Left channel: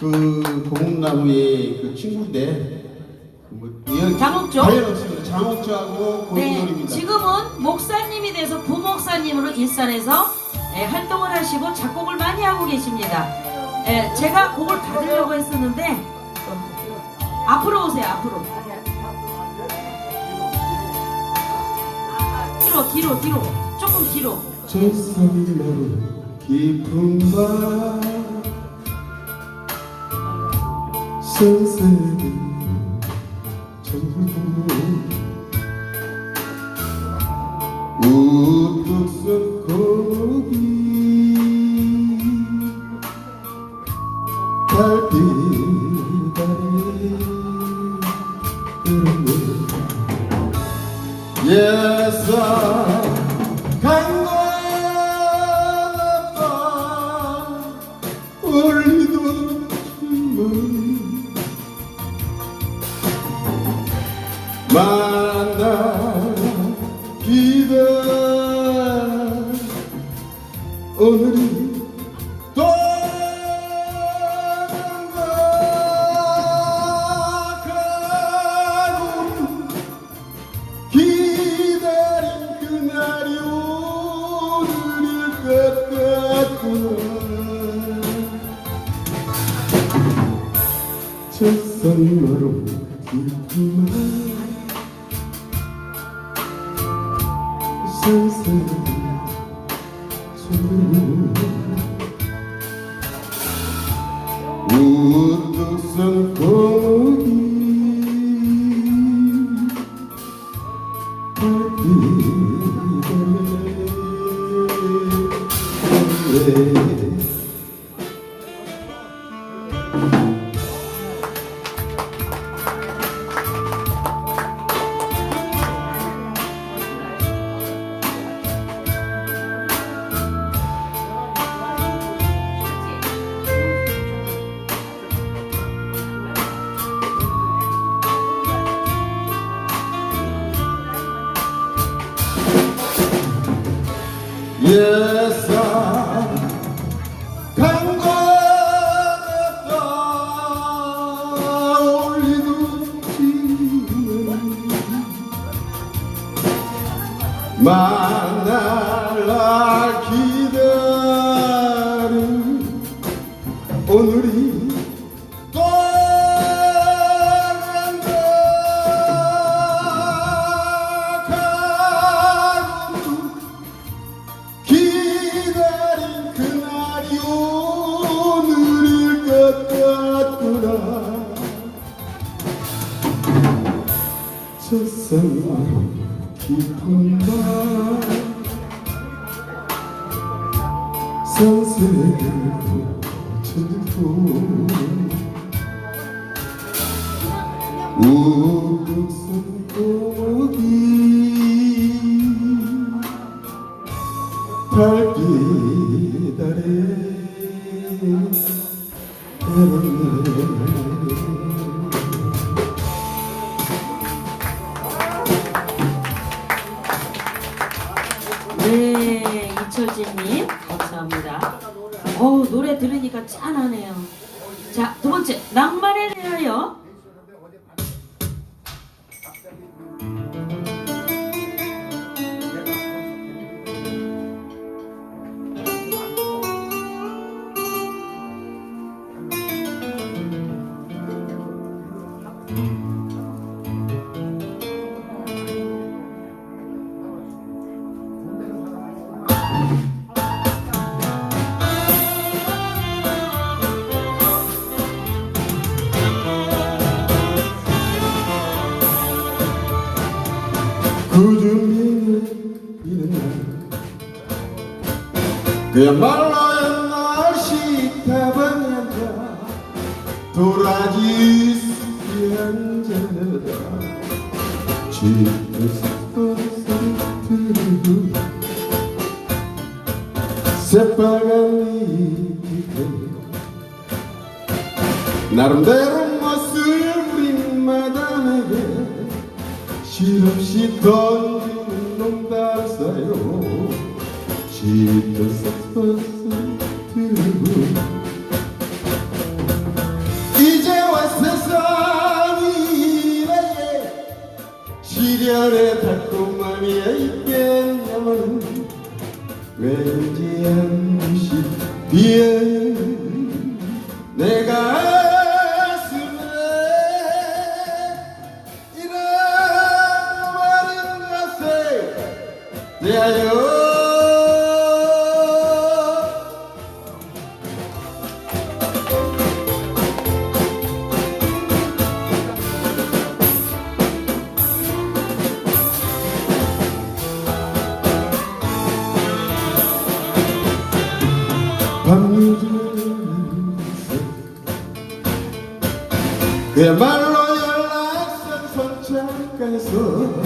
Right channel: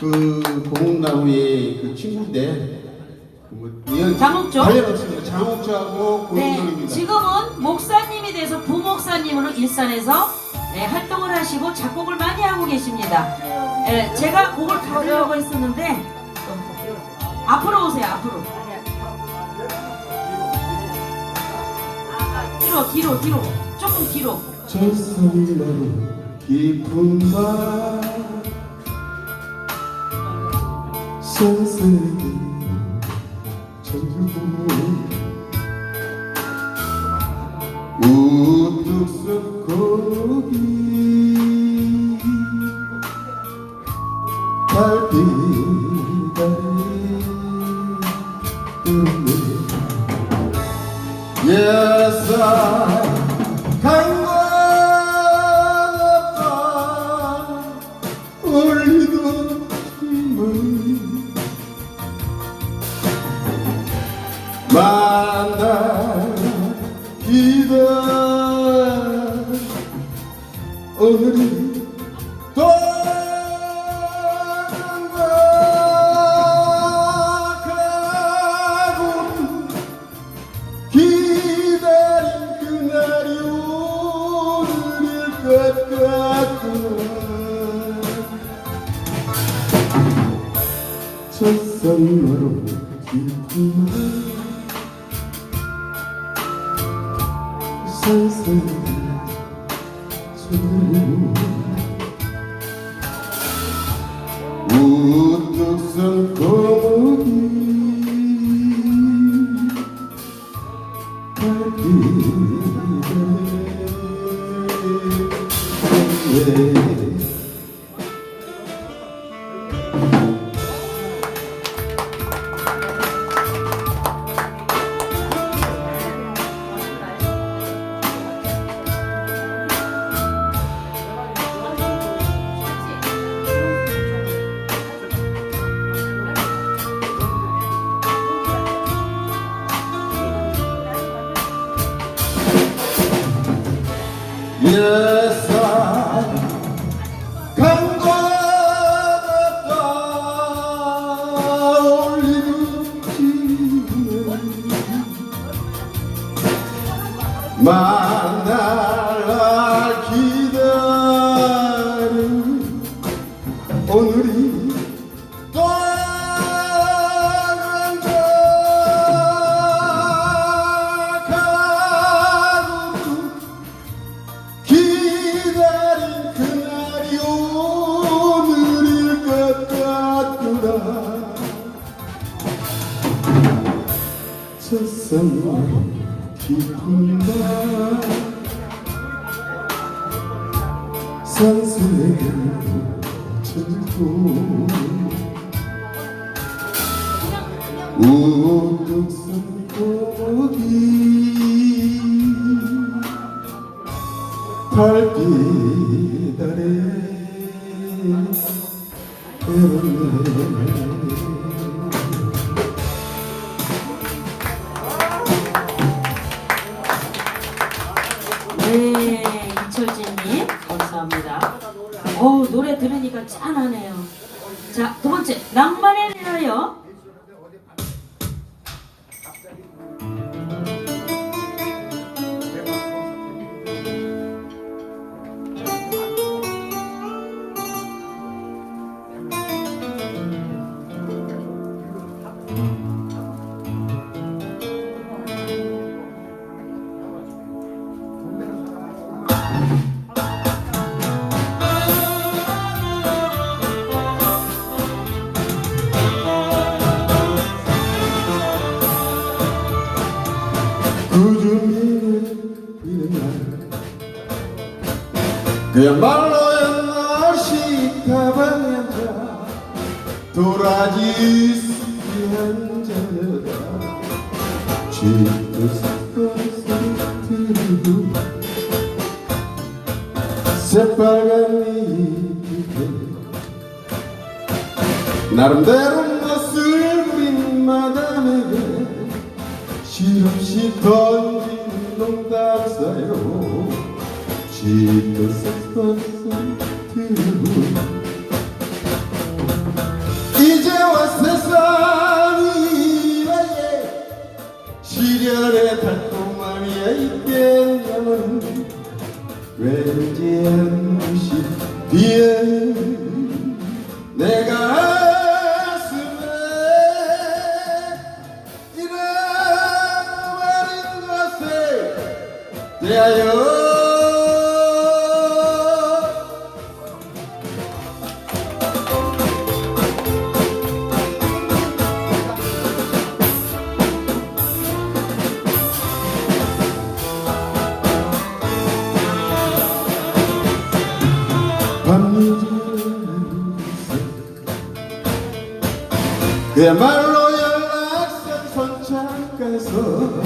그 고목나무의 그 친구인데 이런 장옥조? 장옥조하고 네, 고목나무입니다. 지금은 목사님이 돼서 부목사님으로 일산에서 네, 활동을 하시고 작곡을 많이 하고 계십니다. 네, 제가 곡을 가르려고 했었는데 앞으로 오세요, 앞으로. 뒤로, 뒤로, 뒤로. 조금 뒤로. 깊은 밤 선생님 전부 우뚝 선 고기 달빛 오늘이 떠나가고 기다린 그날이 오늘일 것 같구나 첫선마로 깊은 선생 우 뚝 만날 날 기다린 오늘이 떠난다 가고 기다린 그날이 오늘일 것 같구나. 첫선으로 선생을 찾고 우뚝선 고기 달빛 아래 네, 이철진님, 감사합니다. 어우, 노래 들으니까 짠하네요. 자, 두 번째, 낭만에 대하여. 그야말로 옛날 식탁방에 앉아 도라지 숲이 앉아다. 쥐도 섞어서 들고. 새빨간 잎에 나름대로 멋을 부린 마담에게 실없이 던지는 놈다르사요. 시도 썩썩썩 이제와 세상이 이라에 시련의 달콤함이야 있겠냐면 왠지 무시 뒤에 내가 그야말로 연락선 선착가에서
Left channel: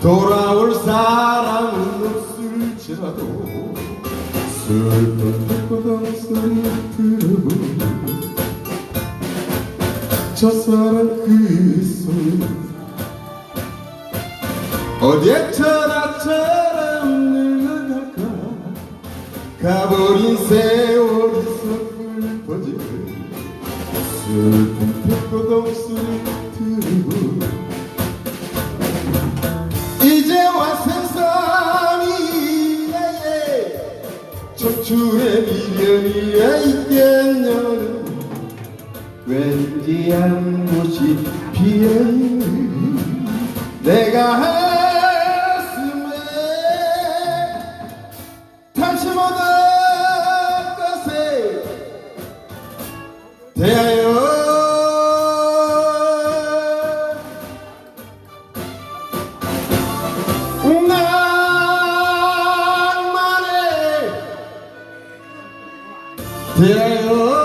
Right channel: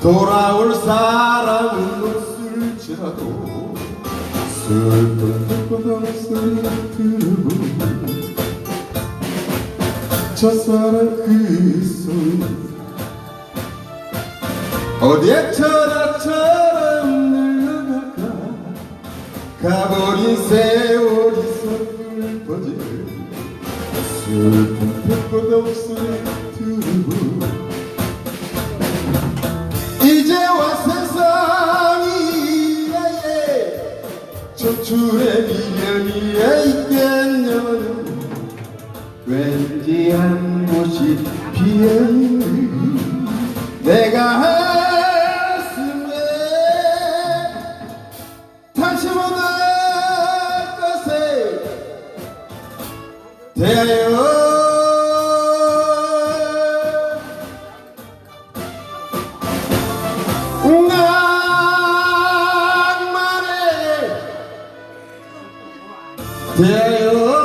돌아올 사람은 없을지라도 슬픈 소리 들어보니 첫사랑 그 소리 어디에 천하처 가버린 세월이 선물 버져 슬픈 백보다 소리 들고 이제와 세상이 청춘의 미련이 있겠냐는 왠지 한 곳이 비어있는 내가 대하여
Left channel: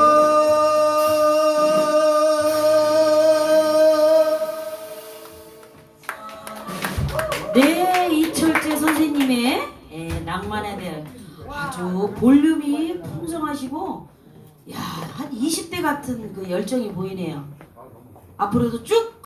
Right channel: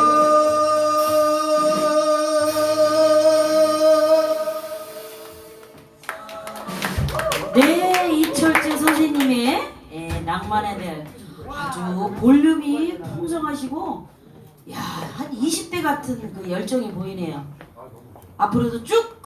네, 이철재 선생님의 예, 낭만에 대한 아주 볼륨이 풍성하시고, 야, 한 20대 같은 그 열정이 보이네요. 앞으로도 쭉